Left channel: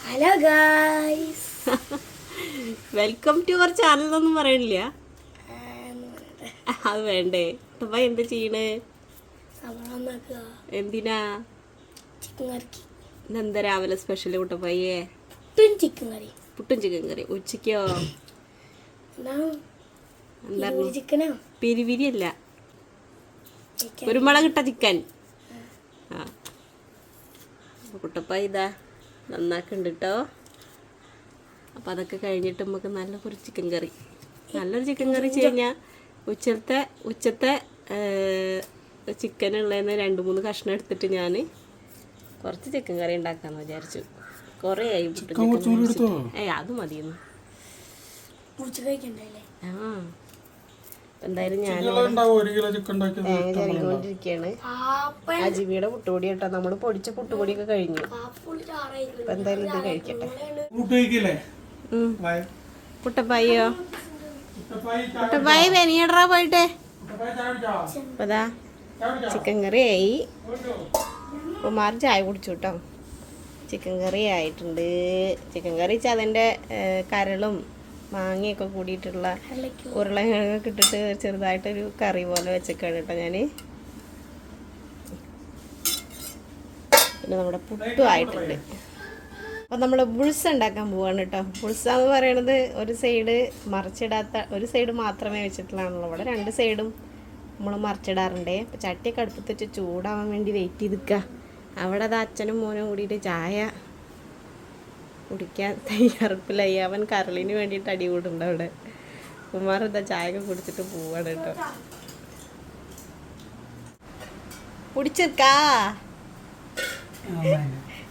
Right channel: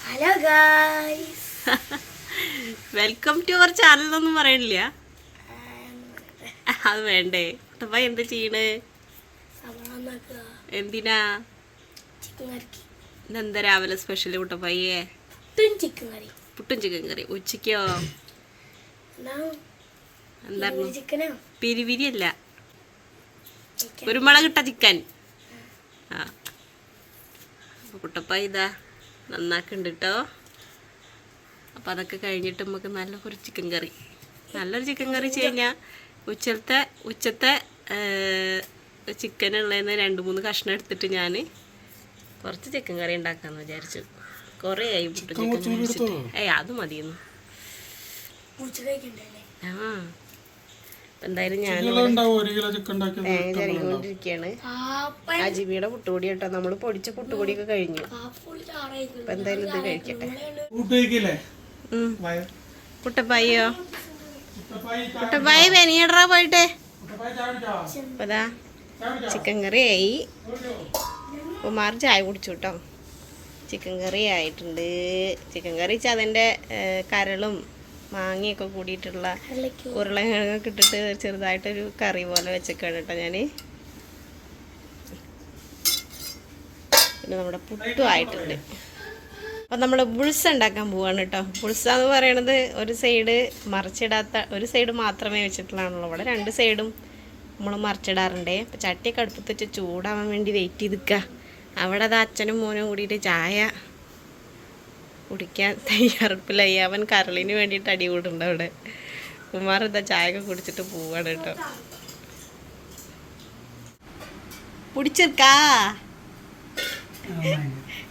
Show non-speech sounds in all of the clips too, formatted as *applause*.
Hello guys welcome to our channel എന്നൊന്നും പറയണില്ല. *laughs* അത് വേണ്ടേ. കുട്ടപ്പ എന്ത് ചെയ്യണ്? എന്തിനാ? എന്താ ഇന്നെന്താ രാവിലെ സ്പെഷ്യൽ കുട്ടപ്പയ്യേ പുട്ടും ചിക്കൻ കറി. ഉച്ചയ്ക്കോ? എന്താണ് പിരിവിരി അല്ല. കുരുമുളക് ഇട്ട ചിക്കൻ. ആ. കുട്ടപ്പ ഇതാ. നന്നാക്കുന്നുണ്ട് കേട്ടോ അപ്പോൾ അതൊക്കെ കഴിഞ്ഞിട്ട് നമുക്ക് നല്ല കുറച്ച് ചിക്കൻ കറി നല്ലൊരു ചിക്കൻ കറി വെച്ച് കഴിഞ്ഞാൽ ഉച്ചത്തെ ഉച്ചത്തെ ചിക്കൻ ഉള്ളതെന്ന് രണ്ട് മൂന്ന് കഷ്ണം എടുത്തിട്ട് ഞാൻ കുറച്ച് ചിക്കൻ കറി ഉണ്ടാക്കാമെന്ന് വിചാരിച്ചു. കുറേ ആയി ചിക്കൻ ഏയ് അത് മതിയെന്ന്. ആ. അപ്പം എന്തായാലും ഞാൻ തേങ്ങ ചിരകിക്കൊണ്ടിരിക്കുകയാണ് പാപ്പ അജിബിയുടെ പുട്ടുപൊടി കേട്ടോ. നമ്മൾ പൊടിച്ച പുട്ടുപൊടിയൊക്കെ കഴിഞ്ഞു. അപ്പം എന്തായാലും ഇത് കഴിക്കട്ടെ. കുട്ടപ്പായിയോ കുട്ടപ്പായി പെനിയടറാ പോയിട്ടെ. കുട്ടപ്പായി ചായ കുടിച്ചോ? അപ്പം അതാ ചിക്കൻ കറി ആയി? കുമാർ ചായ കുടിച്ചു കേട്ടോ. ചിക്കൻ കറി ആയിട്ടുണ്ട് ചിക്കൻ കറി വെച്ചാൽ അതിന്റെ കരളും മാങ്ങയൊക്കെ കൂടിയിട്ടുള്ള ഉരുളക്കിഴങ്ങൊക്കെ ഇട്ടിട്ട് ചെറുതായിട്ടൊരു കറി പോലെ വെച്ചേക്കാണ് കേട്ടോ ഞാൻ പിന്നെ നമ്മുടെ പുട്ടും ആയിട്ടുണ്ട്. അപ്പം നമ്മൾ ബുൾസ ഉണ്ടാക്കാൻ പോവാണ് കേട്ടോ. ബുൾസ എന്ന് പറയണത് ഒരു സൈഡ് മറിച്ചിടാത്ത ഒരു സൈഡ് മാത്രമേ വെച്ചിട്ടുള്ളൂ ഇവിടെ രണ്ട് സൈഡും നമ്മൾ മറിച്ചിടാറുണ്ട്. അപ്പം ചട്ടിയൊക്കെ അടുപ്പത്ത് വെച്ച് ചൂടാവാൻ വേണ്ടി വെയിറ്റ് ചെയ്ത് നിൽക്കുക അവിടെ അത് അച്ഛനും മോനും കൂടിയിട്ട് ചായ കുടിക്കാൻ *laughs* തയ്യാറെടുപ്പിലായി അവൻ കരളിന് വേണ്ടിയിട്ട് അടി കൂടുണ്ട് അവിടെ. കുമാർ എന്താ ചായ കുടിച്ചിട്ട് പോവാണ് കേട്ടോ. കുടിച്ചിരിക്കാ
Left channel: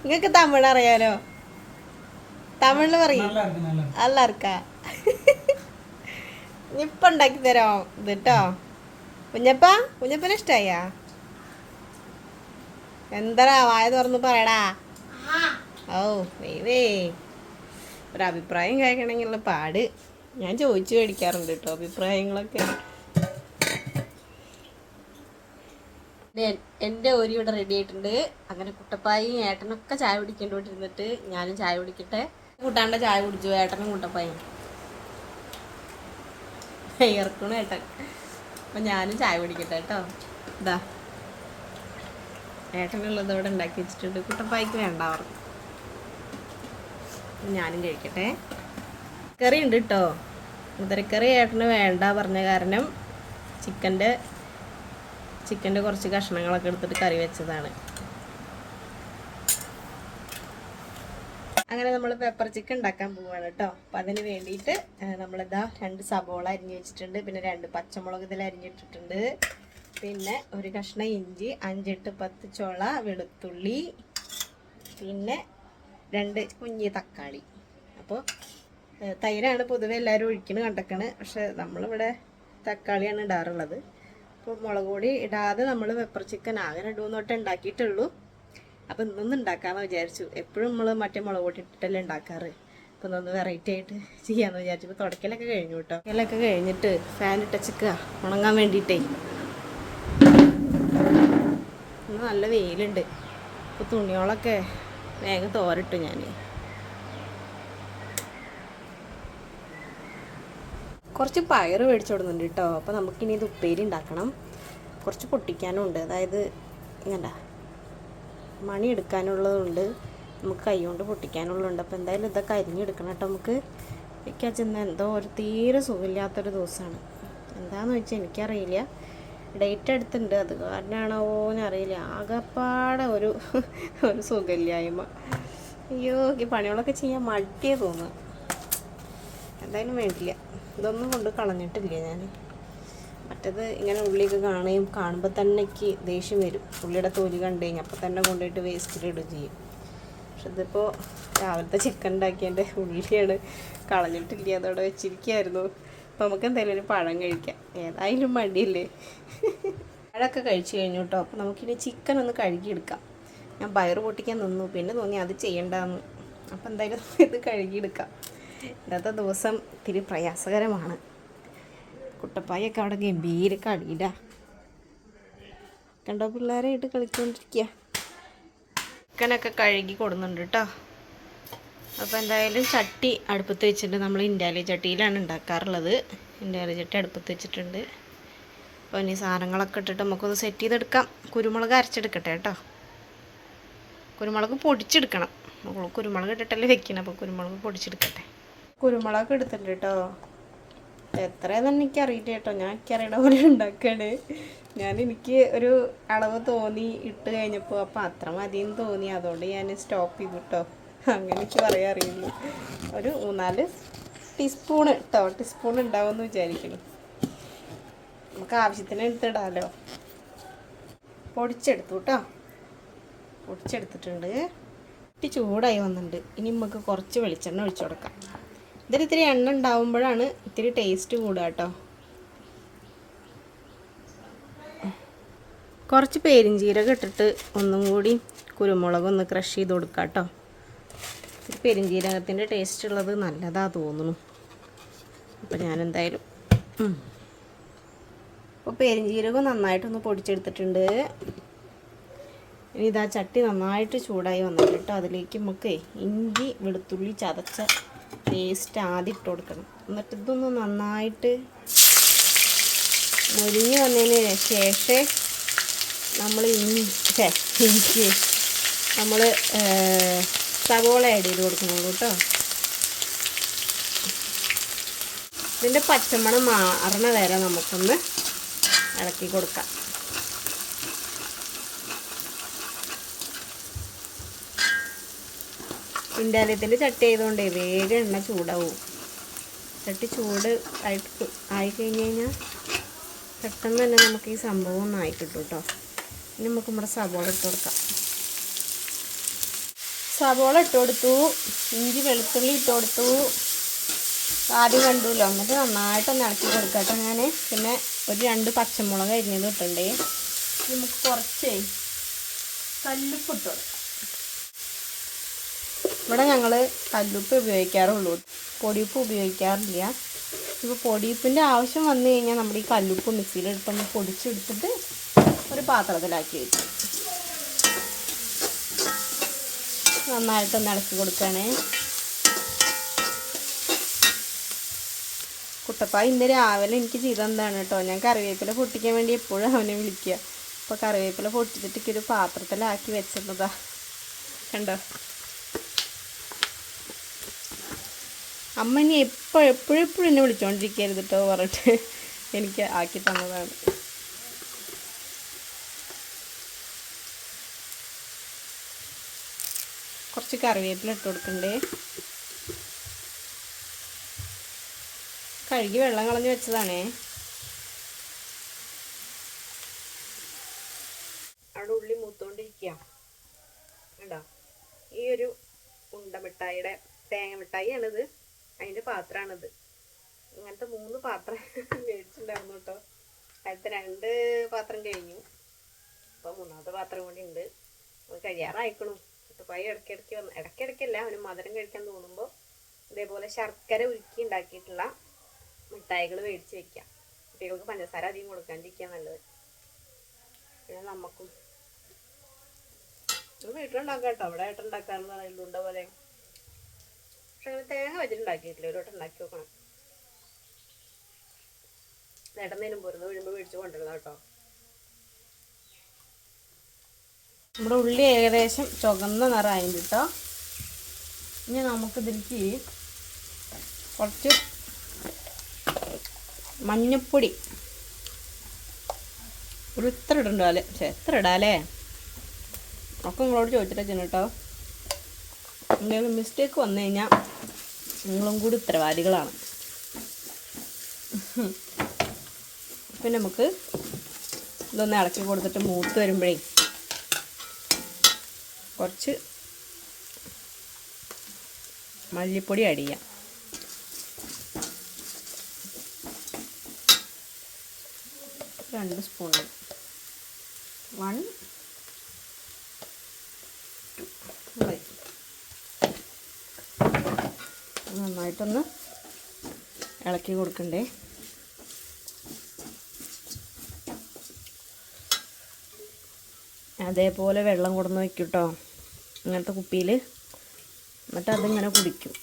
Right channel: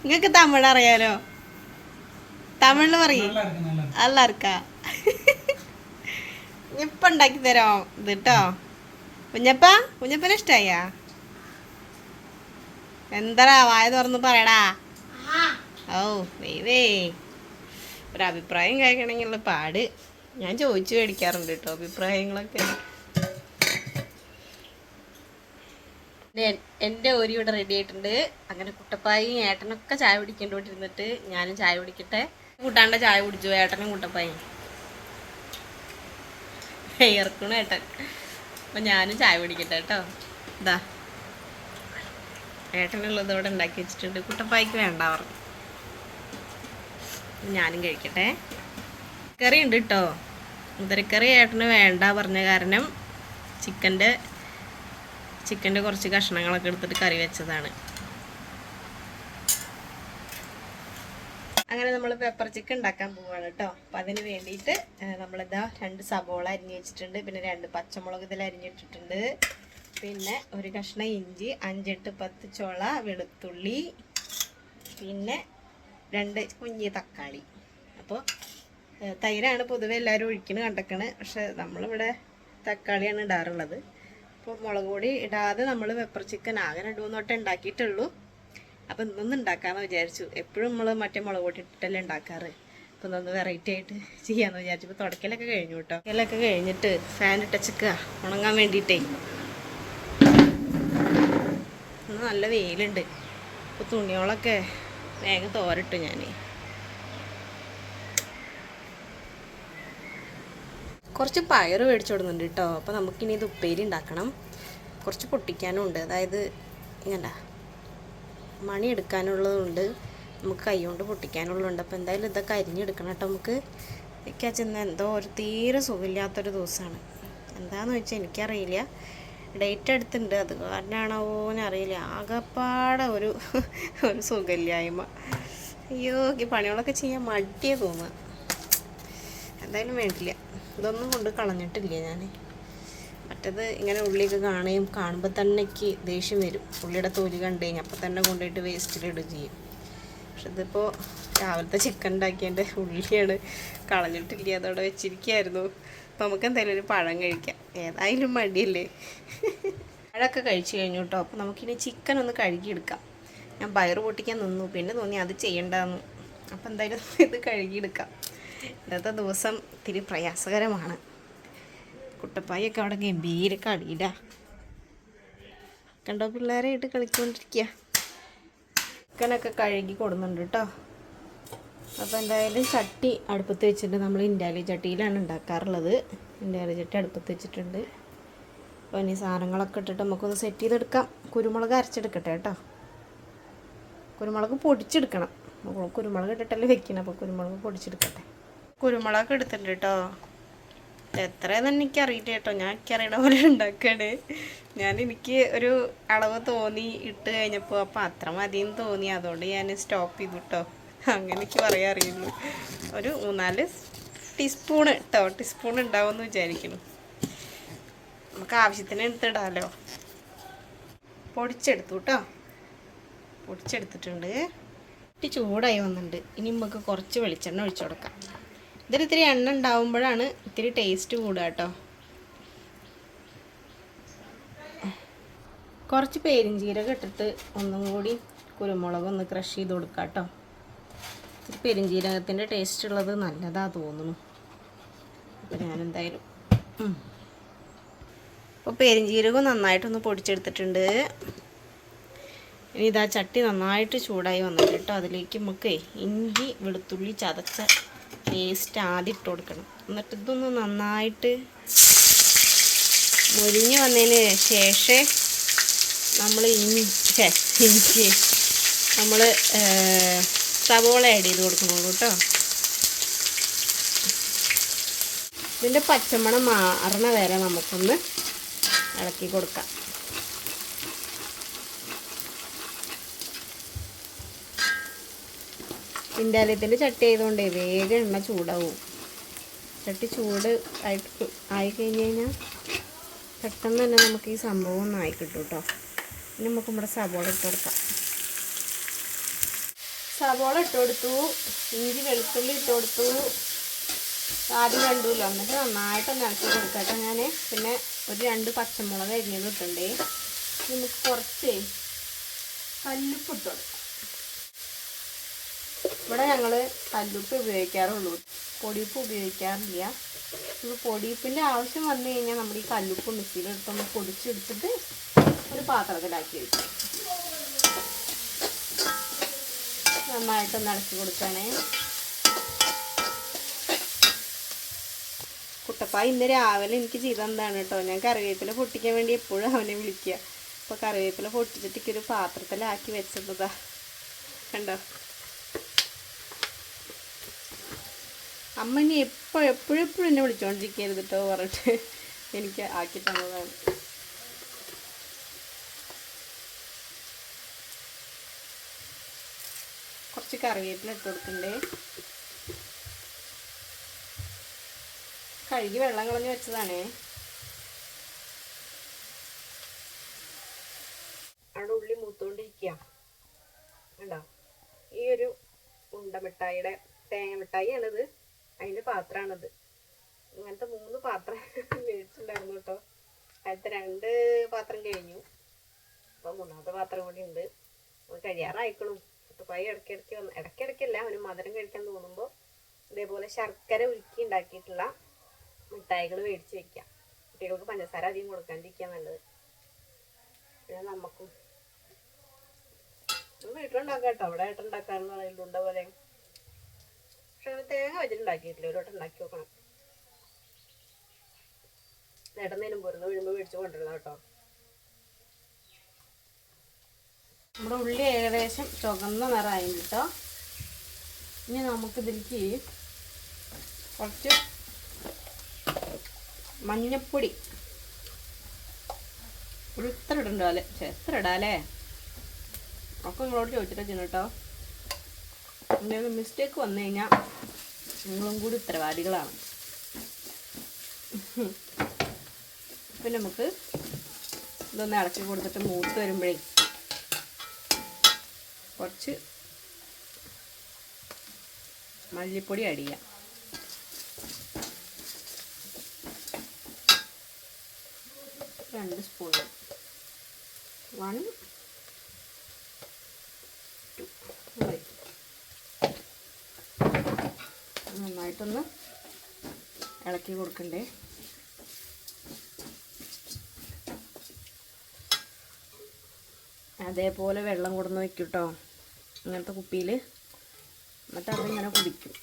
നിങ്ങക്ക് തമിഴ് അറിയാലോ? തമിഴിൽ പറയും. അല്ല ഇറക്കാ *laughs* ഉണ്ടാക്കി തരാം. ഇത് കേട്ടോ കുഞ്ഞപ്പ കുഞ്ഞപ്പനെ ഇഷ്ടായ? എന്താ വായ തുറന്ന് പറയടാ. ഓ വേവേ ഒരു അഭിപ്രായം കേൾക്കണമെങ്കിലുള്ള പാട്. ഞാൻ ചോദിച്ചു മേടിക്കാറുണ്ട് കേട്ടോ അഭിപ്രായങ്ങളൊക്കെ. എൻ- എന്റെ ഒരു ഇവിടെ റെഡി ആയിട്ടുണ്ട്. അങ്ങനെ കുട്ടപ്പായും ഏട്ടനൊക്കെ ചായ കുടിക്കേണ്ടോണ്ടിരുന്നിട്ട് ഞാനും ചായ കുടിക്കട്ടെ. കൂട്ടാണ്ട ചായ കുടിച്ചു ഏട്ടനും കുട്ടപ്പായും. ഇറക്കണു ഏട്ടൻ. അപ്പം ഞാനും ചായ കുടിക്കട്ടെ കേട്ടോ. ഇതാ ഏട്ടനുള്ളത് ഇവിടെ ഉണ്ടാക്കി വെച്ചിട്ടുണ്ട്. കുട്ടപ്പായ്ക്ക് വേണ്ട പറഞ്ഞു ഞാനും കഴിക്കട്ടെ. കറി ഉണ്ട് കേട്ടോ മുതിരക്കറി ഏട്ടന് വേണ്ട പറഞ്ഞ കാരണം ചിക്കന്റെ ചിക്കന്റെ കുറച്ച് കഷ്ണങ്ങളൊക്കെ എടുത്തിട്ട് കറി വെച്ചതാണ്. അങ്ങനെ നമ്മൾ പെപ്പർ ചിക്കൻ ഉണ്ടാക്കാൻ പോവാണ് കേട്ടോ അപ്പം അതിന് വേണ്ടിയിട്ട് നമ്മളിതാ രണ്ട് സബോള അരിഞ്ഞ് വെച്ചിട്ടുണ്ട്. പിന്നെ രണ്ട് പച്ചമുളക് ഇതിൽ അരിഞ്ഞിട്ടിട്ടുണ്ട്. പിന്നെ ഒരു കഷ്ണം ഇഞ്ചി അഞ്ചെട്ട് പത്ത് ചോള വെളുത്തുള്ളി. പിന്നെ രണ്ട് കുഞ്ഞി തക്കാളി. അപ്പോൾ തൈരാണ് പൊതുവെ എല്ലാവരും ഒഴിക്കണ് കണ്ടക്കണ്. പക്ഷെ നമ്മളിവിടെ തക്കാളിയാണ് ഇടാറുള്ളത്. അപ്പോൾ മുളക് പൊടി ഇടാതെ നമ്മൾ പെപ്പർ ചിക്കൻ ആകെ രണ്ട് മൂന്ന് തൊട്ടേ ഉണ്ടാക്കിയിട്ടുള്ളൂ അപ്പോൾ ഇന്നൊന്ന് ഉണ്ടാക്കാമെന്ന് വിചാരിച്ചു. എപ്പോഴും നമ്മൾ മറ്റേ മുളക് പൊടി ഇട്ടിട്ടല്ലേ ഉണ്ടാക്കാറ് അപ്പോൾ ഇന്നൊന്ന് വെറൈറ്റി ആയിട്ട് ചെയ്യാമെന്ന് വിചാരിച്ചു. ഇപ്പോൾ തുടക്കലൊക്കെ കഴിഞ്ഞു കേട്ടോ തുടക്കലൊക്കെ കഴിഞ്ഞിട്ട് ഫാൻ ഇട്ടച്ചക്കുക ഉണങ്ങാൻ വേണ്ടിയിട്ടേ ഇന്ന് നല്ല വെയിലുണ്ട്. അപ്പോൾ തുണികളൊക്കെ വേഗം തോരട്ട് ഞാൻ കുറച്ച് പയർ മേടിച്ചു കൊടുക്കുന്നുണ്ട് കേട്ടോ. അപ്പോൾ നമുക്കിനി ഇത് ഉപ്പേരി ഉണ്ടാക്കണം. കുറച്ച് പൊട്ടിക്കാനും ഉണ്ട് അതായത് ഇങ്ങണ്ട. മണി എടുക്കാനുള്ളതുണ്ട്. നമുക്ക് കൈ കൊണ്ട് പൊട്ടിക്കാനുള്ളതുണ്ട്. അപ്പോൾ എന്തായാലും ഇതൊക്കെ അരിഞ്ഞെടുക്കണം കേട്ടോ നമുക്ക്. എനിക്ക് എന്തോ ഒരു തീരെ സുഖമില്ലാത്തൊരു ദിവസമാണ്. എന്താണെന്ന് വെച്ചാൽ എനിക്കറിയില്ല. ഡേറ്റ് എടുത്തിട്ടുണ്ട്. അത് കാരണമാണോ എന്നറിയില്ല. ആകെപ്പാടെ ഒരു *laughs* ഒരു സുഖമില്ലായ്മ. അയ്യോ ഈ പണികളൊക്കെ ചെയ്യാൻ മടിയേ തോന്നുക എന്തായാലും വേണ്ടില്ല. ഇതൊന്നും കൊണ്ട് കളഞ്ഞിട്ടില്ല ഞാൻ മറ്റത് ഇങ്ങനെ ഉള്ളിയൊക്കെ കാണുകയും കാണുമ്പോൾ തന്നെ ദേഷ്യം വരും. ഉള്ളിയുടെ തോലി കണ്ടു കഴിഞ്ഞാൽ അപ്പം തന്നെ കൊണ്ടുപോയിട്ട് വേസ്റ്റിലിടുക ചെയ്യും. പക്ഷെ ഇതിപ്പോൾ രാവിലത്തെ ചിക്കൻ ഉണ്ടാക്കിയതിന്റെ ഉള്ളിയാണ് കളഞ്ഞിട്ടില്ല. അതവിടെ വെച്ചിരിക്കുകയായിരുന്നു. അപ്പോൾ നമുക്ക് എന്തായാലും ഒരു പഴം കഴിക്കാം. ഏതായാലും മടിയല്ലേ? പഴമൊക്കെ കഴിച്ചു കഴിഞ്ഞു കേട്ടോ അപ്പോൾ നമുക്കിനി ചിക്കൻ ഒന്ന് കഴുകിയെടുക്കാം. ഞാൻ പയറ് പൊട്ടിക്കാൻ നിന്നു. പിന്നെ തോന്നി അത് ചെയ്യണ്ടെന്ന്. അപ്പോൾ എന്തായാലും *laughs* ഇത് കഴുകിയെടുക്കാം. ഇന്നത്തെ ദിവസം ഇത്തിരി പ്രയാസകരമാണ്. കുട്ടപ്പായൊക്കെ അവിടെ ഗംഭീര കളിയില്ല കണ്ടോ പിള്ളേരായിട്ട് കളിച്ചുകൊണ്ടിരിക്കുക ചിക്കനൊക്കെ കഴുകി കൊടുക്കുന്നുണ്ട് കേട്ടോ അപ്പോൾ എന്തായാലും ചട്ടി അടുപ്പത്ത് വെച്ചിട്ട് നമ്മൾ ഇൻഡാലി ചട്ടിയിലാണ് ഉണ്ടാക്കാറുള്ളത്. ഇൻഡാലി ചട്ടി അടുപ്പത്ത് വെച്ചിട്ടുണ്ട്. അപ്പോൾ ഇനി സാധനങ്ങളൊക്കെ ഇട്ടിട്ട് നമുക്കൊന്ന് സെറ്റ് ചെയ്തെടുക്കാം. കുരുമുളക് അരച്ചെടുക്കട്ടെ കേട്ടോ. കുരുമുളക് പൊടിച്ചെടുക്കണം. നമ്മൾ കുരുമുളക് ഇട്ടിട്ടല്ലേ വെക്കണം. അപ്പോൾ കുരുമുളക് പൊടിച്ചെടുക്കട്ടെ. കുരുമുളക് എടുത്തിട്ടുണ്ട് കേട്ടോ എത്ര തന്നെ എനിക്ക് കേട്ടോ ഞാൻ എനിക്കറിയണ പോലെ ഉണ്ടാക്കുകയാണ് ഞാൻ എനിക്ക് ഒരു അളവ് തോന്നി ഇട്ട് കഴിഞ്ഞപ്പോൾ അപ്പോൾ അത്ര മതിയെന്ന് തോന്നി. അതുകൊണ്ട് ഞാൻ സ്റ്റോപ്പ് ചെയ്തു കേട്ടോ അങ്ങനെ പറയാൻ അറിയുള്ളൂ ഒരു മൂന്നാൽ ടീസ്പൂണ് കേട്ടോ ടീസ്പൂൺ ഉണ്ടാവുമെന്ന് വിചാരിക്കുന്നു. നമുക്ക് ആവശ്യത്തിന് എടുത്തിടാമല്ലോ പൊടിച്ചെടുത്തു കേട്ടോ പൊടിച്ചെടുത്തിട്ടുണ്ട്. ഇട്ടി ചൂടായി വന്നിട്ടുണ്ട്. ഇനി നമുക്ക് കുറച്ച് വെളിച്ചെണ്ണ ഒഴിച്ചു കൊടുക്കാം. ഇതൊരു ഇത്തിരി എണ്ണ ഉണ്ടാവുമ്പോഴാണ് ഇത്തിരി ടേസ്റ്റ് കൂടുക കേട്ടോ കുറച്ച് പെരിഞ്ചീരകം ഇട്ടിട്ട് ഒന്നും കൂടി കുരുമുളക് ഒന്ന് ക്രഷ് ചെയ്ത് കൊടുക്കാം കേട്ടോ ഇത്തിരി പെരുംജീരകത്തിന്റെ ടേസ്റ്റ് ഉള്ളത് നല്ലതാ തോന്നുന്നു. അപ്പോൾ ഞാനെന്തായാലും. അപ്പോൾ പെരുംജീരകം നന്നായിട്ടൊന്ന് പൊടിച്ചെടുത്തിട്ടുണ്ട്. ഇനി ഇതാ ചട്ടി നന്നായിട്ട് ചൂടായി വന്നിട്ട് കേട്ടോ അതിലേക്ക് നമുക്ക് ഇഞ്ചി വെളുത്തുള്ളി ചതച്ച പേസ്റ്റ് ആദ്യം ഇട്ട് കൊടുക്കണം. എന്നിട്ട് ഇതൊന്ന് നന്നായിട്ട് മുരിഞ്ഞ് വന്നതിന് ശേഷം നമ്മൾ ഇഞ്ചി നമ്മൾ സവോള ആഡ് ചെയ്ത് കൊടുക്കണുള്ളൂ കേട്ടോ. ഇതിന്റെ പച്ചമണം മാറണ വരെ നമുക്കൊന്ന് ഇളക്കി കൊടുക്കാം. ഇൻഡാലയത്തിന്റെ ചട്ടി ആയതുകൊണ്ടേ വേഗം എണ്ണ ചൂടാവും. ചട്ടി ചൂട് ആയിട്ട് ആയി കഴിഞ്ഞ് കഴിഞ്ഞാൽ പെട്ടെന്ന് തന്നെ നമുക്ക് ഈ സംഭവം ഒന്ന് ആയി കിട്ടും കേട്ടോ. ഇനി നമുക്ക് നമ്മുടെ സവോള ഇട്ട് കൊടുക്കാം. സവോള ഇട്ട് കൊടുത്തു. ഇഞ്ചി വെളുത്തുള്ളി ഇട്ട് കൊടുത്തു. ആദ്യം കണ്ടുല്ലോ എന്നിട്ട് നന്നായിട്ടൊന്ന് ഇളക്കി കൊടുക്കട്ടെ ഞാൻ പിന്നെ ഒരു രണ്ട് പച്ചമുളക് അരിഞ്ഞത് ഇട്ടുണ്ടേ നമുക്ക് കുറച്ച് കല്ലുപ്പ് ഇട്ട് കൊടുക്കാം. ഇവിടെ ഞങ്ങൾ കല്ലുപ്പ് ഉപയോഗിക്കാറുള്ളൂ. പൊടിയുപ്പ് ഉപയോഗിക്കാറില്ല. ഇപ്പോൾ പൊടിയുപ്പിന്റെ ആവശ്യം വന്നു കഴിഞ്ഞാൽ നമ്മൾ ഈ കല്ലുപ്പ് മിക്സിയിലെടുത്തൊന്ന് പൊടിച്ചെടുത്തിട്ട് ഒരു പാത്രത്തിലാക്കി വെക്കും. നന്നായിട്ടൊന്ന് ഇളക്കി കൊടുക്കണേ കുട്ടപ്പ ഇന്ന് രാവിലെ എനിക്ക് ചെയ്തെന്താണ് കേട്ടോ. ഞാൻ കറിവേപ്പില പൊട്ടിക്കാൻ വേണ്ടി എപ്പോഴും അവനെ വിളിക്കുക. അപ്പോൾ കറിവേപ്പില പൊട്ടിച്ചിട്ട് ഒരു പാത്രത്തിലാക്കി വെച്ചിരുന്നതാ. കണ്ടോ? അമ്മ ഇനി എപ്പോഴും എന്നെ വിളിച്ചോണ്ടിരിക്കരുത് കേട്ടോ പറഞ്ഞിട്ട് എനിക്ക് ആക്കി തന്നതാണ്. കുറച്ച് കറിവേപ്പില ഇട്ട് കൊടുക്കണ്ടേ. കഴുകി വെള്ളം കളഞ്ഞ് വെച്ചതാണേ. അവിടെ ഉള്ളി മൂത്തോണ്ടിരിക്കുക കണ്ടോ? ഈ ഒരു ഉണ്ട മിഠായിയുടെ തേങ്ങ മിഠായിയാണിത്. അതിന്റെ പാത്രമാണിത് ഇങ്ങനത്തെ മൂന്ന് പാത്രം *laughs* മേടിച്ചിട്ടുണ്ടായിരുന്നു കേട്ടോ അടുത്ത രണ്ട് പാത്രം കഴിഞ്ഞു. അപ്പോൾ മൂന്നാമത്തെ പാത്രം കൂടി ഉണ്ട് കഴിയാറായിക്കണു. കുട്ടുപ്പായി ഇടയ്ക്കിടയ്ക്ക് വന്ന് ഇടയ്ക്കിടയ്ക്കല്ല അവന് മധുരം കഴിക്കാൻ തോന്നുമ്പോൾ ഇതേപോലെ ശർക്കര ഉരുക്കി ഉണ്ടാക്കിയിട്ടുള്ള മിഠായികൾ മേടിച്ച് വെക്കാം കുട്ടികൾക്ക് പഞ്ചസാര അധികം കൊടുക്കാണ്ടിരിക്കാൻ നല്ലത്. പിന്നെ നമുക്കും വീട്ടിലുണ്ടാക്കാം കേട്ടോ. അവിടെ ആയിട്ട് ഉണ്ടാക്കാറുള്ള എള്ളുണ്ട പോലെ. പക്ഷെ അങ്ങനെ തേങ്ങ വെച്ചിട്ടുണ്ടാക്കിയിട്ടില്ല ഒരു വട്ടം ഉണ്ടാക്കി നോക്കണം. നേട്ടന്നേനും പോരുന്ന. വീഴുമ്പോൾ മേടിച്ച് കൊണ്ടുവരണം കേട്ടോ. നമ്മുടെ ഉള്ളി ഏകദേശം ചുവന്ന നിറമായി കേട്ടോ. ഇനി നമുക്കിതിലേക്ക് കുറച്ച് മഞ്ഞപ്പൊടി. ഒരു ഇത്ര അല്ലെ? പക്ഷെ എത്ര ഇടാലേ ഒക്കെ നിങ്ങളോട് ചോദിച്ചിട്ടാ ചെയ്യണം കേട്ടോ. എന്തെങ്കിലും മിസ്റ്റേക്ക് വന്നു കഴിഞ്ഞാൽ നിങ്ങളും കൂടി ഉത്തരവാദികളാണ്. *laughs* പിന്നെ നമുക്ക് ഇതൊന്ന് ഇളക്കി കൊടുത്തിട്ട് മൂത്ത് വരുമ്പോഴേ കുറച്ച് മല്ലിപ്പൊടി ആഡ് ചെയ്യാം. രണ്ട് സ്പൂൺ വൺ ടു നന്നായിട്ടൊന്ന് ഇളക്കി കൊടുക്കണ്ടേ. അതേപോലെ വെള്ളം കൊടുന്ന് വെക്കും ഇങ്ങനത്തെ കുപ്പിയിൽ എന്നിട്ട് അതിങ്ങനെ കുടിക്കും.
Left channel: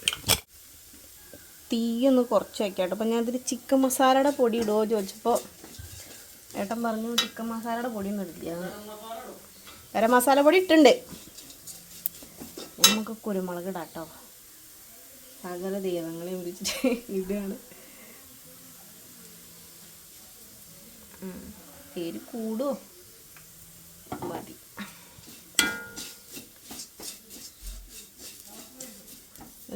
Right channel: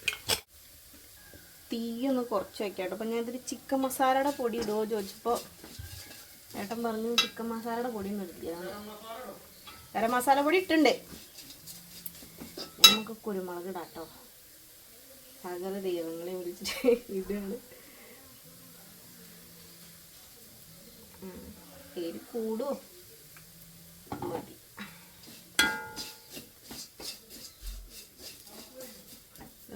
തീയൊന്ന് കുറച്ച് കുറച്ച് വയ്ക്കാട്ടോ അപ്പം ഞാനിതിൽ ചിക്കൻ മസാലയുടെ പൊടി ഇടുമോ ചോദിച്ചപ്പോൾ ഏട്ടൻ പറഞ്ഞു ചിക്കൻ മസാലയുടെ പൊടി ഒന്നും ഇടില്ല മസാല പൊടി ഇട്ടുണ്ട് നമുക്ക് കുരുമുളക് ഇടാട്ടോ. സകല ദൈവങ്ങളെ വിളിച്ചിട്ട് ഇതാണ്. എരി കൂടുമോ മതി.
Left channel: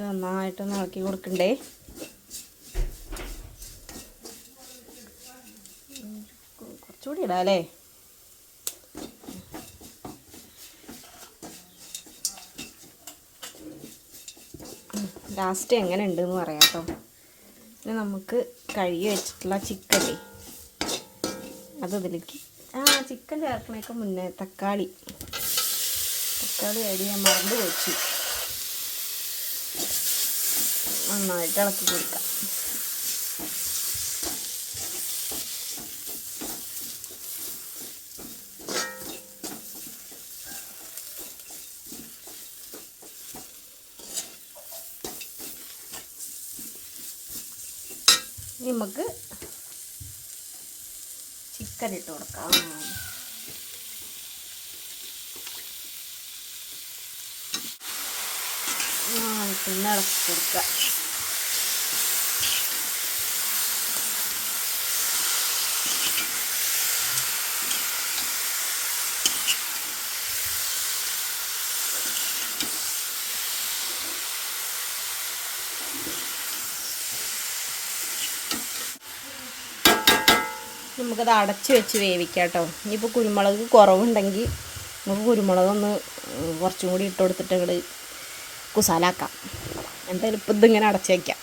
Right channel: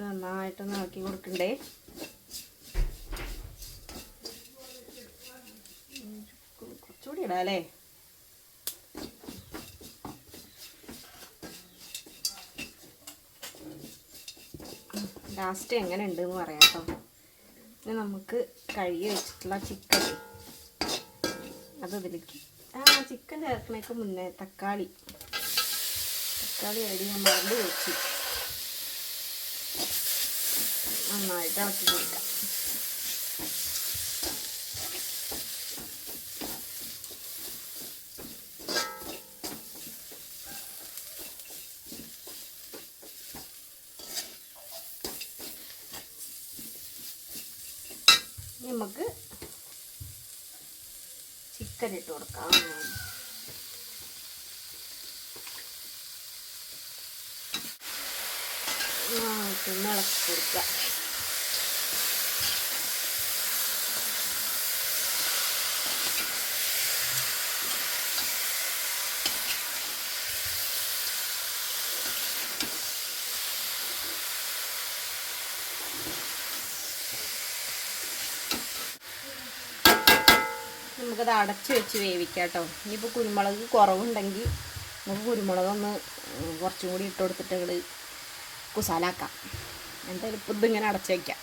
ഇത് നന്നായിട്ടൊന്ന് ഇളക്കി കൊടുക്കണ്ടേ. കുറച്ചുകൂടി ഇടാം അല്ലേ? ലാസ്റ്റ് എങ്ങനെ ഉണ്ടെന്ന് പറയാം കേട്ടോ. ഇനി നമുക്ക് കഴുകി വെച്ചിട്ടുള്ള ചിക്കനേ അത് ഇതിലേക്ക്. ആ ചിക്കൻ ചേർക്കണേക്ക് മുന്നേ തക്കാളി. തക്കാളി ഐഡിയ ഞാൻ മറന്നു വെച്ചു നന്നായിട്ട് ഇളക്കി കൊടുക്കാം. നമുക്ക് ചിക്കൻ ഇട്ട് കൊടുക്കാം. പിന്നെ ഇളക്കി കൊടുക്കാം. നമുക്കത് അടച്ച് വെച്ച് വേവിക്കാം കേട്ടോ ഇനിയിപ്പോൾ കുരുമുളക് കുറവുണ്ടെങ്കിൽ നമുക്ക് കുരുമുളകൊന്ന് കുറച്ചും കൂടി ഇട്ട് കൊടുത്തിട്ട് അങ്ങോട്ട് കുസാലാക്കാം. എന്തായാലും ഇപ്പം ഇതിങ്ങനെ അടച്ച് വയ്ക്കാം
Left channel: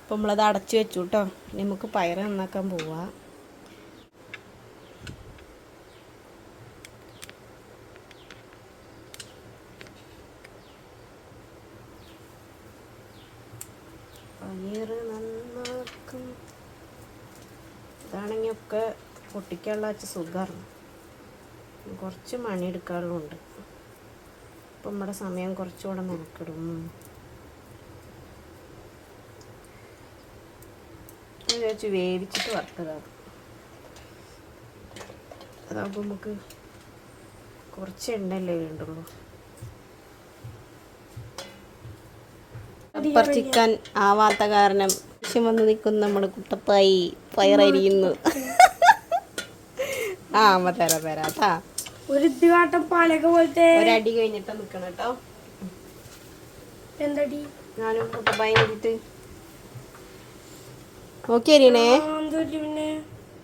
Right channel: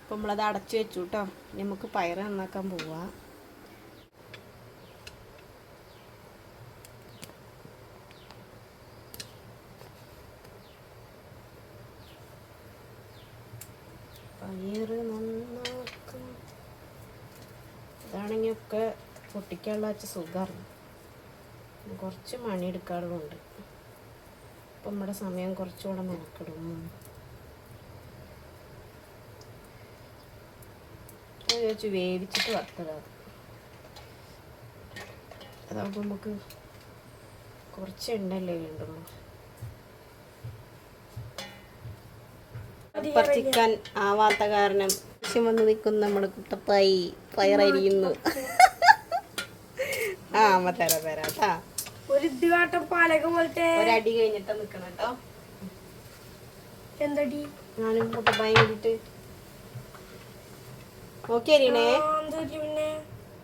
ഇപ്പം നമ്മളത് അടച്ച് വെച്ചു കേട്ടോ നമുക്ക് പയർ നന്നാക്കാൻ പോവാം. പയറ് നന്നാക്കും ഇതാണെങ്കിൽ ഒക്കെ പൊട്ടിക്കാനുള്ള വെച്ച സുഖമാണ് കുറച്ച് മണി എടുക്കാറുണ്ട് അപ്പം നമ്മുടെ സമയം കുറച്ചുകൂടെ മെനക്കെടും. വെച്ച് വേവിച്ചിട്ട് വറുത്തതാണ് അതാകുമ്പോൾ നമുക്ക് കുറച്ച് എണ്ണയല്ലേ വേണ്ടുള്ളൂ. ചിക്കൻ ആവാത്ത കാരണം ലക്ഷ്യം വന്ന് നിൽക്കുന്ന നമ്മുടെ കുട്ടപ്പായി പയറരിയുന്നു ആ അമ്മ തരാം തരാം കേട്ടാ ഒരു ഇത്തികാട്ടം പാലക പോലത്തെ ഒരടി കഴിഞ്ഞിട്ട് നിൽക്കണം കേട്ടോ എന്തടി? ഞാനും കുട്ടപ്പായും കൂടിയിട്ട്.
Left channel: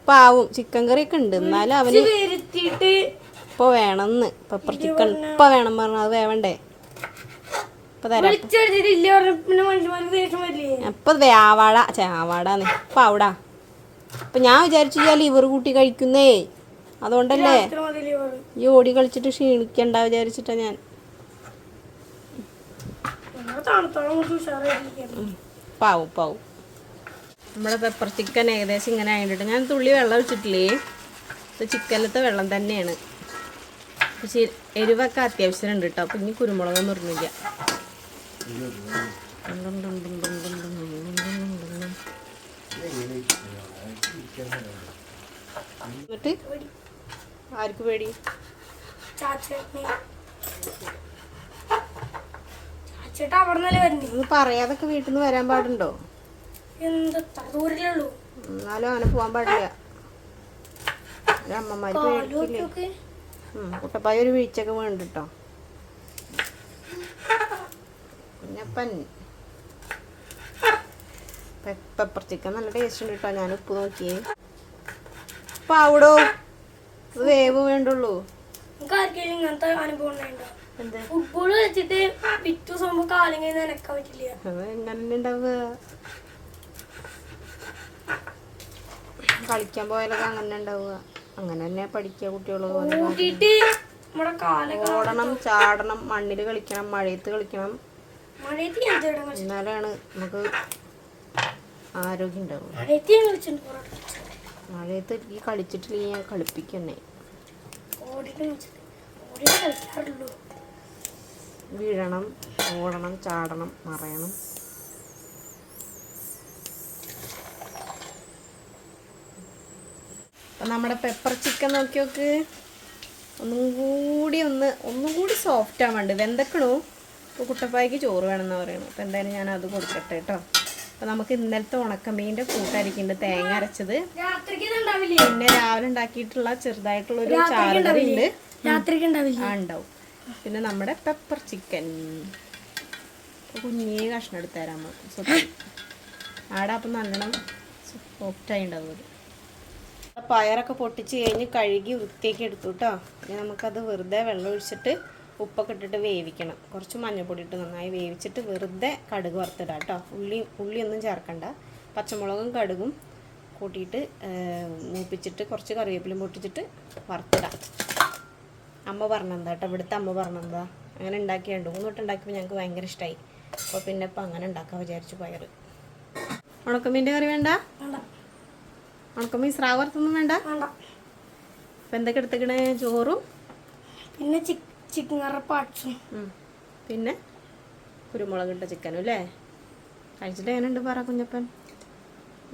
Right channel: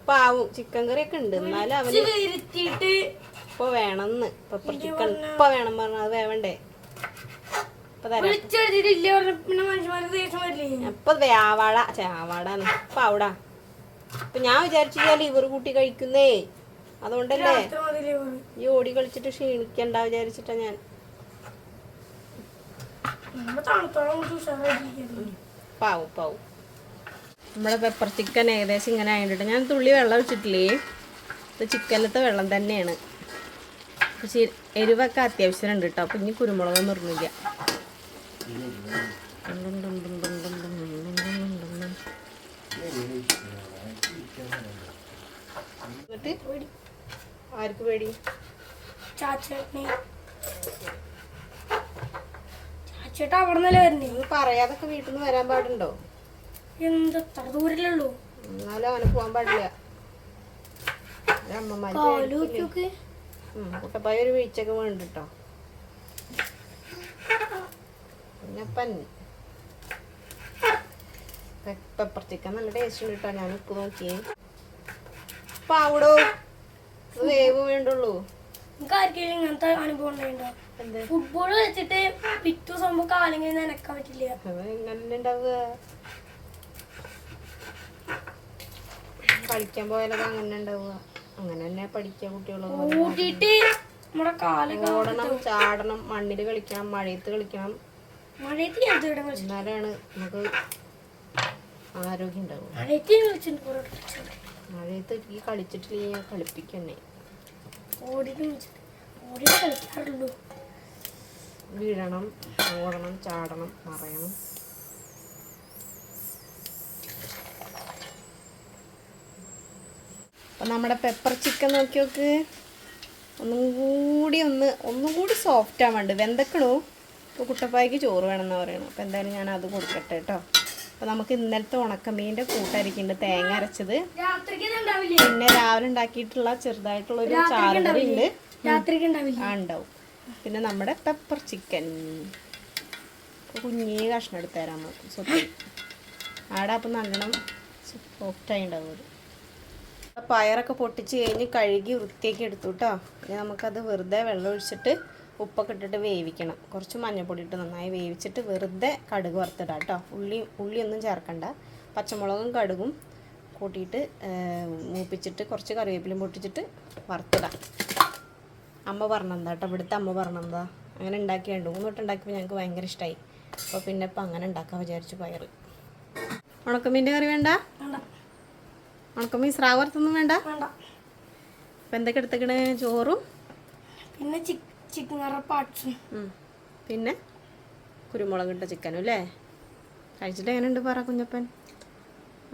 പാവും ചിക്കൻ കറി ഒക്കെ ഉണ്ട്. എന്നാലും അവന് ഇപ്പൊ വേണമെന്ന്. പെപ്പർ ചിക്കൻ ഇപ്പൊ വേണം പറഞ്ഞു അത് വേവണ്ടേ ഇപ്പൊ തരാം വിളിച്ചെടുത്തിട്ടില്ല പറഞ്ഞ പിന്നെ മനുഷ്യന്മാർക്ക് ദേഷ്യം വരില്ലേ അപ്പൊ ആവാട ചാവാടാന്ന് അപ്പൊ അവിടാ. അപ്പൊ ഞാൻ വിചാരിച്ചു ലിവർ കൂട്ടി കഴിക്കുന്നേ. അതുകൊണ്ടല്ലേ. ഈ ഓടി കളിച്ചിട്ട് ക്ഷീണിക്കണ്ട വിചാരിച്ചിട്ടാ ഞാൻ. പാവു പാവു. നമ്മുടെ പെപ്പർ ചിക്കൻ ഏകദേശം ഇങ്ങനെ ആയിട്ട് ഞാൻ തുള്ളി വെള്ളം വെച്ചിട്ടില്ലേ ഇത് ചിക്കനിലത്തെ വെള്ളം തന്നെയാണ്. പക്ഷേ എരിവൊക്കെ അത്യാവശ്യം ഉണ്ട് കേട്ടോ. അപ്പം ഇനി കുരുമുളകൊന്നും ഇടുന്നില്ല. എന്നിട്ട് ആർക്ക് പേടി? ചാച്ചേട്ട അവിടെ നിന്നല്ലേ വരുന്നേ? ഇത് പറയാതൊക്കെ വീട്ടിൽ നിന്ന് വരാൻ പാടുണ്ടോ? എന്ത് ദൂരല്ലേ ഉള്ളൂ? എന്നാലും അങ്ങനെ പോകാൻ പാടില്ല. അമ്മമാര് കുട്ടപ്പായ ഒരു വീഴ്ചയൊക്കെ വേണ്ട കേട്ടോ പിന്നെ പൻ പെപ്പർ ചിക്കൻ നല്ല ടേസ്റ്റ് ഉണ്ട് കേട്ടോ. ഞാൻ ഉപ്പ് നോക്കിയേ അപ്പൊ അവിടോ വേവ് വേണ്ടുള്ളൂ. ഫുട്ബോൾ കളിച്ചിട്ട് പിറ്റു ദിവസം കാലം കഴിഞ്ഞ് നനക്കാൻ പറ്റില്ല. എങ്ങനെ ഉണ്ടാവുക? കളിക്കാൻ പോയാലൊക്കെ അങ്ങനെ ഉണ്ടാവുക. അങ്ങനെ തന്നെ പഠിക്കുക കുട്ടികൾ ഓടണം ചാടണം മണ്ണിൽ കളിക്കണം മഴയത്ത് കളിക്കണം. എന്നാലാണ് നമുക്ക് ആരോഗ്യം മഴയത്ത് ഈ കളിച്ചിട്ടില്ലെങ്കിൽ ഞാൻ കളിപ്പിക്കണേ വീഴണം ഓടണം ചാടണം മറയണം. അപ്പം നമ്മുടെ പെപ്പർ ചിക്കൻ നോക്കി നോക്ക് ഒന്നും കൂടി ഒന്ന് ഒന്നും കൂടി സോഫ്റ്റ് ആവാണ്ട് വെന്തക്കണു? ഇപ്പോൾ കുട്ടപ്പായ്ക്ക് ചോറ് വേണമെന്ന് പറയണം അപ്പോൾ എന്തായാലും ഞാൻ അത് കൊടുക്കട്ടെ കേട്ടോ അപ്പോൾ നമുക്ക് ഇന്നലത്തെ ഉണക്കമീന്റെ കൂട്ടായിരിക്കുന്നുണ്ട് തേങ്ങ അരച്ചത്. പിന്നെ രാവിലെ ഉണ്ടാക്കിയിട്ടുള്ള ചെറുതായിട്ടുള്ളൊരു ചാറുകറി ഉണ്ട്. രാത്രിക്ക് ആ ഉണ്ടാവും. പിന്നെ നമ്മുടെ പെപ്പർ ചിക്കൻ. കുഞ്ഞേ കഷ്ണം എടുത്ത് തരാം നമുക്ക് സ്വത്തി ആടെ അപ്പം നല്ലോണം സോഫ്റ്റായി ഉണ്ടാവും അത്. പയറൊക്കെ പൊട്ടിച്ച് കഴിഞ്ഞ് കഴുകി വൃത്തിയാക്കി എടുത്തു കേട്ടോ ഇനി നമുക്കത് വെറുതെ വെള്ളം ഒഴിച്ചിട്ട് ഉപ്പൊക്കെ ഇട്ടിട്ട് വേവിക്കണം. കുറച്ച് മഞ്ഞൾപ്പൊടി ഇട്ട് നന്നായി വേവിച്ചിട്ട് വെറുതെ കടുക് വറുത്തിടാം കേട്ടോ. ഉള്ളി ഉള്ളിയൊന്നും ചേർക്കണ്ട. പച്ചമുളകും കടുകും കൂട്ടിയിട്ട് മൂപ്പിച്ചിട്ട് കുറച്ച് കറിവേപ്പിലും പൊട്ടിച്ചിട്ട് വറുത്തിടാം. അമ്മ പറഞ്ഞെന്താ കേട്ടോ? ഇവിടുത്തെ അമ്മ പറഞ്ഞെന്താ അങ്ങനെ ഉണ്ടാക്കിയ രണ്ട് മൂന്ന് തൊട്ട് ഉണ്ടാക്കിയപ്പോൾ ഞങ്ങൾക്ക് ഭയങ്കര ഇഷ്ടമായി അപ്പോൾ പിന്നെ ഇപ്പം അങ്ങനെ ഉണ്ടാക്കാൻ വിചാരിച്ചു പയർ ഉണക്കമീന്റെ കറി വേണ്ട? ഉണക്കമീൻ സ്രാവ് വറുത്തൊന്നും വേണ്ട? വേണ്ട. അപ്പം എന്തൊക്കെ എടുത്തേക്കണേ? ചോറും? പിന്നെ ചിക്കൻ കറ പാട്സും. പിന്നെ? കുരുമുളക് ഇട്ട ചിക്കനും അല്ലേ? കഴിച്ചിട്ട് എങ്ങനെയുണ്ട് പറ കുഞ്ഞപ്പൻ?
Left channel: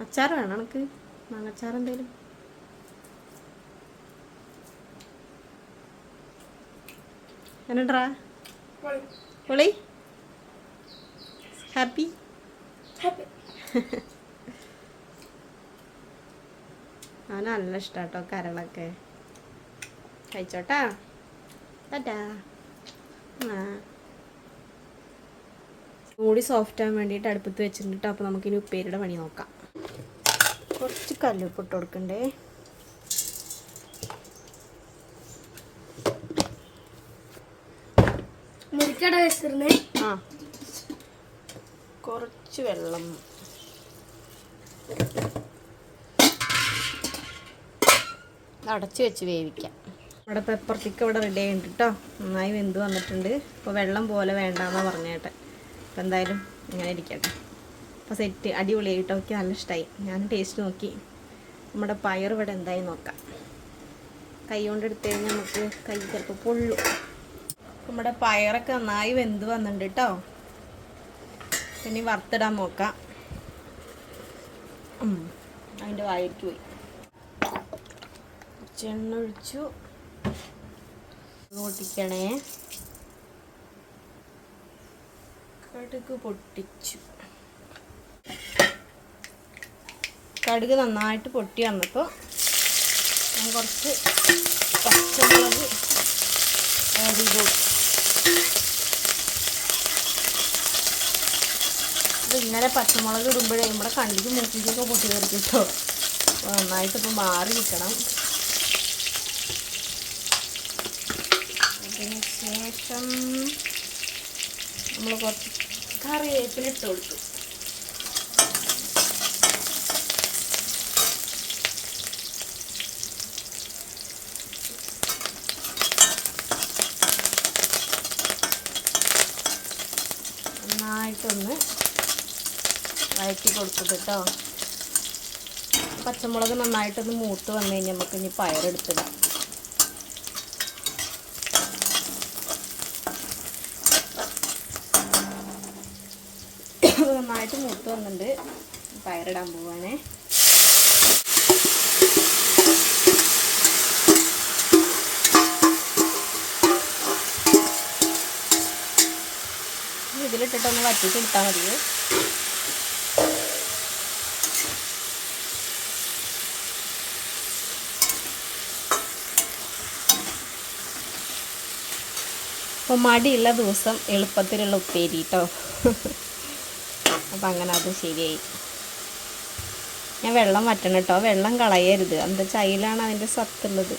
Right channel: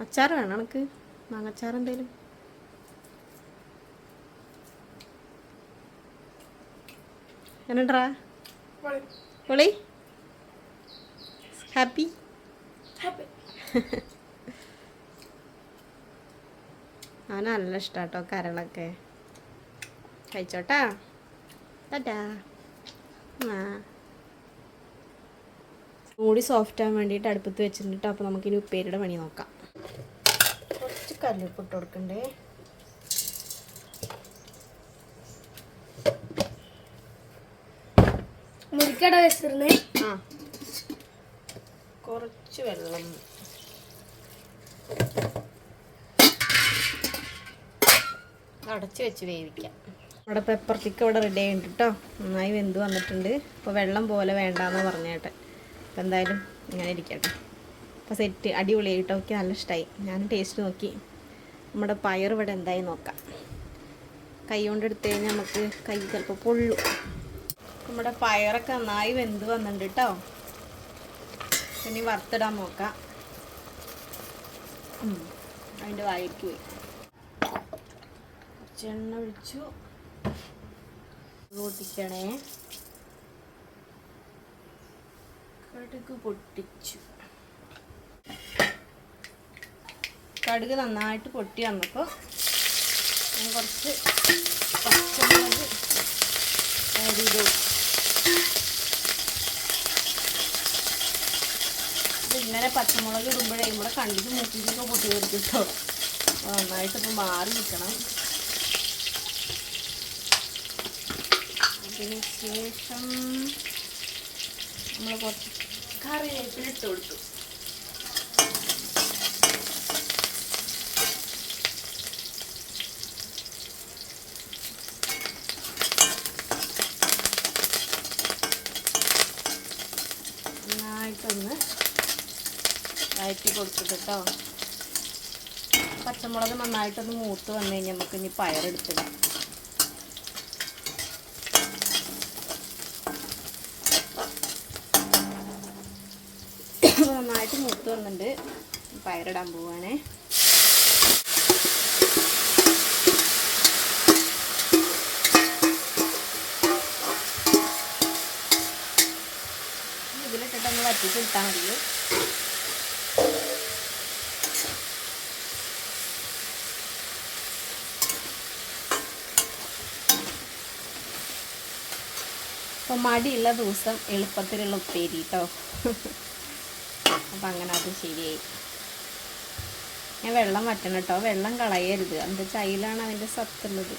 അച്ചാർ വേണം എനിക്ക് മാങ്ങച്ചാർ എന്തേലും? എങ്ങനെണ്ടാ പൊളി? ഹാപ്പി? ഹാപ്പി. അവന് നല്ല ഇഷ്ടാട്ടോ കരളൊക്കെ. കഴിച്ചോട്ടാ? ആ. കൂടി സോഫ്റ്റ് ആവാൻ വേണ്ടിയിട്ട് അടുപ്പത്ത് വെച്ചിട്ടുണ്ട് കേട്ടോ നമുക്ക് നമുക്കിനി ഉപ്പേരിയുടെ പണി നോക്കാം. കുറച്ച് കല്ലുപ്പ് ഇട്ട് കൊടുക്കണ്ടേ? മുരിക്കട വെച്ചിരുന്നേ? ആ. കുറച്ച് വെള്ളം. അടച്ചു വെച്ച് വേവിക്കാം. നമ്മുടെ പെപ്പർ ചിക്കൻ ഇവിടെ റെഡി ആയിട്ടുണ്ട് കേട്ടോ നന്നായി വെന്ത് വന്നിട്ടുണ്ട്. അപ്പോൾ വെള്ളം പോലെ വേണ്ടാന്ന് പറഞ്ഞേട്ടെ അപ്പോൾ എന്തായാലും ഇങ്ങനെ ഇരിക്കട്ടെ. അപ്പോൾ സെറ്റ് അടിപൊളിയായിട്ട് ഒക്കെ നല്ല ഇഷ്ടമായി ഞാൻ ടേസ്റ്റ് നോക്കി. നമ്മുടെ പയർ ഇവിടെ എന്തായി നോക്കാം. കൈ കൊണ്ട് കഴിഞ്ഞാൽ നമുക്ക് കൈ ചിലപ്പോൾ പൊള്ളു. നമ്മുടെ പയറൊക്കെ നന്നായി വെന്ത് വന്നിട്ടുണ്ട് കേട്ടോ ഇനി വറുത്തിടാൻ നോക്കാം. അതിന്റെ വായിക്ക് പോയി. ചെണ്ണ ഒഴിച്ചു. പൊട്ടിക്കണേ കടുക് പൊട്ടിച്ചു. കടുക് നന്നായിട്ട് പൊട്ടി വന്നപ്പോൾ ഞാൻ കുറച്ച് പച്ചമുളക് ചെയ്ത്. ഇത് പച്ചമുളക് ഇടുമ്പോഴേ നമ്മുടെ കണ്ടിക്ക് മൂക്കിക്കൊക്കെ പൊട്ടി വരും കേട്ടോ. അപ്പോൾ നന്നായിട്ട് ഇപ്പോൾ മാറി നിൽക്കണം അതിന് ശേഷം നമ്മൾ കുറച്ച് കറിവേപ്പിലിട്ട് കൊടുക്കും നന്നായിട്ടൊന്ന് വഴറ്റി കൊടുത്തത് കേട്ടോ പച്ചമുളക് നന്നായിട്ടൊന്ന് മൂത്ത് വന്നു കഴിഞ്ഞാൽ നമുക്ക് ഇനി പയറെടുത്തിടാം. നന്നായിട്ട് മൂത്ത് വന്നിട്ടുണ്ട്. പയറിടാൻ പോവാണേ. ഇതിലിട്ടിട്ടൊന്ന് വറ്റിച്ച് കിട്ടാൻ മതി. അപ്പോൾ മടിയുള്ള ദിവസം എളുപ്പത്തിലുള്ള ഉപ്പേരി കേട്ടോ അപ്പം അങ്ങനെ അത് ശരിയായി. ഞാൻ വെള്ളം വറ്റണം കേട്ടോ വെള്ളം കളയരുത്. എന്താ ചൈലാണ് അതിന്റെ സത്തുള്ളത്.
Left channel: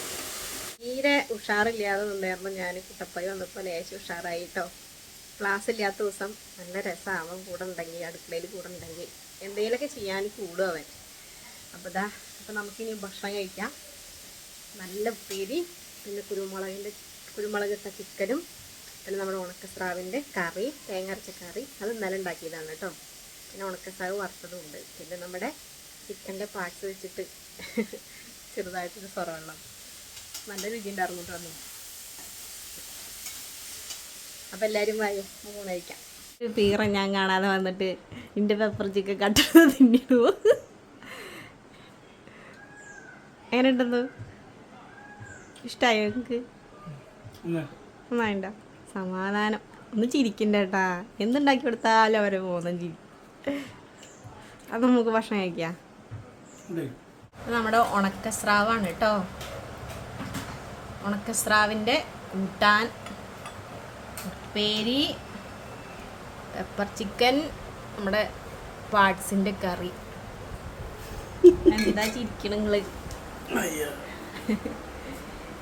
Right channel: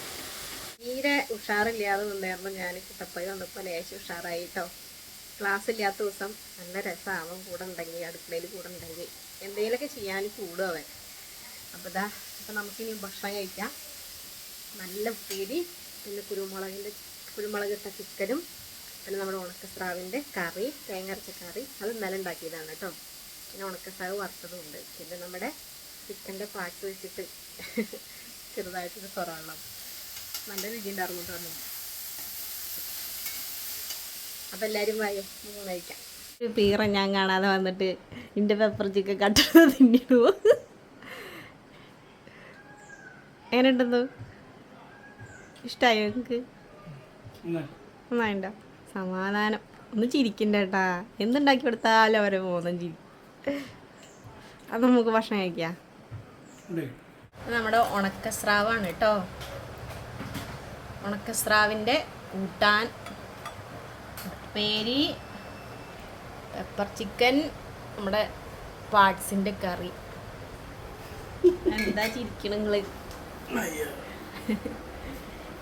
തീരെ ഉഷാറില്ലാതെ നിന്നായിരുന്നു ഞാൻ. കുട്ടപ്പായി വന്നപ്പോൾ ലേശം ഉഷാറായി കേട്ടോ ക്ലാസ് ഇല്ലാത്ത ദിവസം നല്ല രസമാവും കൂടെ ഉണ്ടെങ്കിൽ അടുക്കളയിൽ കൂടെ ഉണ്ടെങ്കിൽ എന്തെങ്കിലുമൊക്കെ ചെയ്യാൻ കൂടും അവൻ. അപ്പോൾ ഇതാ അപ്പോൾ നമുക്കിനി ഭക്ഷണം കഴിക്കാം. നല്ല ഉപ്പേരി പിന്നെ കുരുമുളകിന്റെ കുരുമുളകിട്ട ചിക്കനും പിന്നെ നമ്മുടെ ഉണക്കസ്രാവിന്റെ കറി തേങ്ങ അരച്ച കറി അത് ഇന്നലെ ഉണ്ടാക്കിയതാണ് കേട്ടോ. പിന്നെ ഉണക്കസ്രാവ് വറുത്തതും ഉണ്ട്. പിന്നെ നമ്മുടെ ചിക്കന്റെ പാക്ക് വെച്ചിട്ട് *laughs* ചെറുതായിട്ടൊരു സ്വറവെള്ളം നല്ല രുചി കേട്ടോ അന്ന്. അപ്പം എല്ലാവരും വായോ? നമുക്ക് കഴിക്കാം. പീറ ഞാൻ കാണാതെ വന്നിട്ട് എന്റെ പെപ്പർ ചിക്കൻ കട്ടത് തിന്നിടൂ എങ്ങനെ ഉണ്ടെന്നു ഇഷ്ടമായോ നിങ്ങൾക്ക് നന്നായിണ്ട? സമാധാനം. ഒന്ന് ചിരിക്കണ്ടേട്ടാ എന്തുണ്ടാക്കി കൊടുത്താലും അവരെ പോകുന്ന ചിരി. അത് നമുക്ക് ഭക്ഷണം കഴിക്കാം. നമ്മുടെ ഉണക്കസ്രാവാണ് കേട്ടോ ഉണക്കസ്രാവിന്റെ കൂട്ടാൻ ഉപ്പേരി പെപ്പർ ചിക്കൻ നമ്മുടെ പാട്സിന്റെ കറി. എന്താ ചിരിക്കണ നിങ്ങൾ?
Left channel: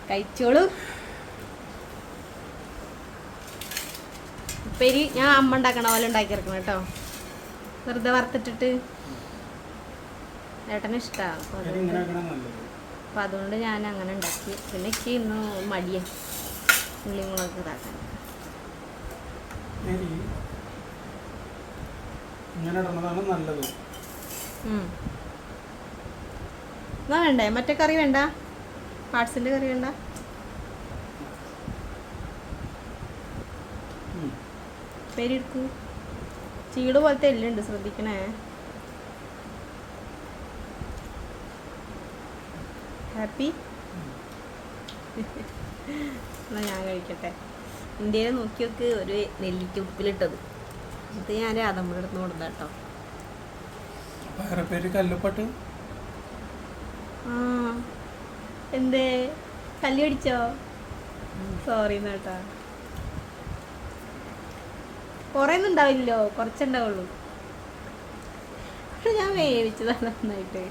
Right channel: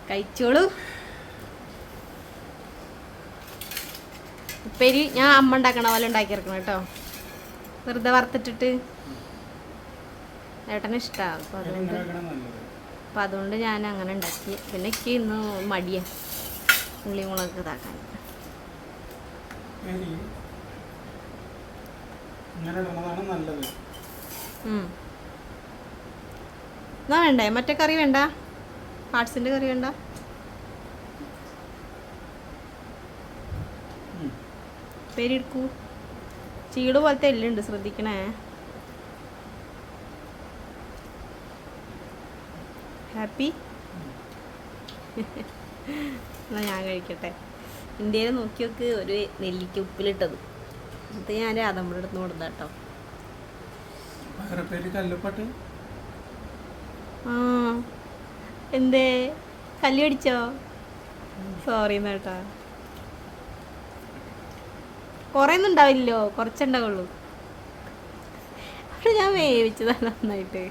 കഴിച്ചോളൂ. ഉപ്പേരി ഞാൻ അമ്മ ഉണ്ടാക്കണ പോലെ ഉണ്ടാക്കിയിറക്കണം കേട്ടോ. വെറുതെ വറുത്തിട്ടിട്ട്. ഏട്ടന് ഇഷ്ടമാണ് അപ്പോൾ അതുകൊണ്ട് ഇങ്ങനെ നല്ലത്. അപ്പം അതുകൊണ്ട് ഞാൻ അങ്ങനെ ഉണ്ടാക്കി. പിന്നെ എനിക്ക് ഇന്ന് മടിയാ. ഉള്ളി മുളക് ഇതാക്കാൻ. ഇങ്ങനെ ഇടുന്നതാണ് നല്ലത്. എന്നാ വേണ്ടേ? മറ്റേ കറി വേണ്ട? പാർട്സിന്റെ കറി വേണ്ട? പേര് എടുക്കൂ ചീട് പോലത്തെ എല്ലുണ്ട് ശ്രദ്ധിക്കണേ. ഹാപ്പി എന്നാ ഞാൻ കഴിക്കട്ടെ. ഇന്ത്യയിൽ നോക്കി നോക്ക് ഒരു നെല്ലിക്ക ഉപ്പിലിട്ടത്. ഇത് ഞാൻ അതമ്മയുടെ അടുത്ത് കൊടുത്താ കേട്ടോ എന്തേ? കല്ലടിച്ചോ സോറി കേട്ടാ കുറേ ഒന്നും ഉണ്ടാവില്ലല്ലോ കുറച്ചുണ്ടാവുള്ളൂ. പക്ഷെ ഞാൻ വേവിച്ചതാണ് നന്നായിട്ട്.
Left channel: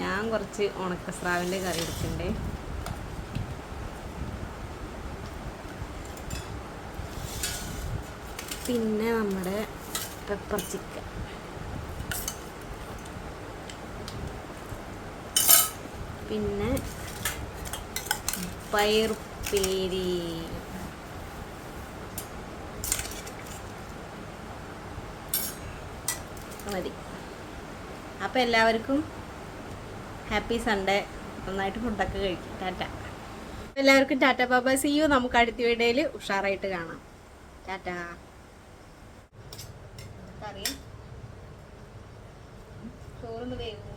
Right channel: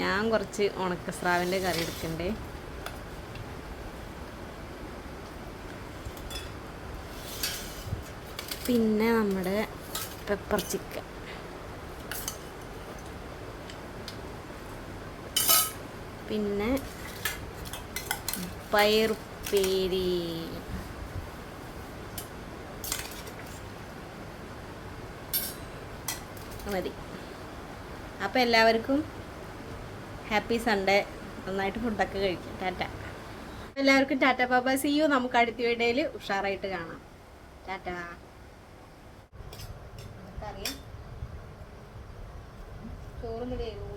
ഞാൻ കുറച്ച് ഉണക്കസ്രാവിന്റെ കറി എടുക്കണ്ടേ പിന്നെ നമ്മുടെ പെപ്പർ ചിക്കൻ പിന്നെ പയറുപ്പേരി. മതി. അപ്പോൾ എല്ലാവർക്കും ഹാപ്പി സൺഡേ. നന്നായിട്ട് ഫുഡൊക്കെ കഴിക്കും. ടാറ്റ. എല്ലാവർക്കും ടാറ്റ ബാബ സി യു നമുക്ക് അടുത്ത വീഡിയോയിൽ ഉഷാറായിട്ട് കാണാം. ടാറ്റ. കറിയും. ചോറൊന്ന് വേവ്.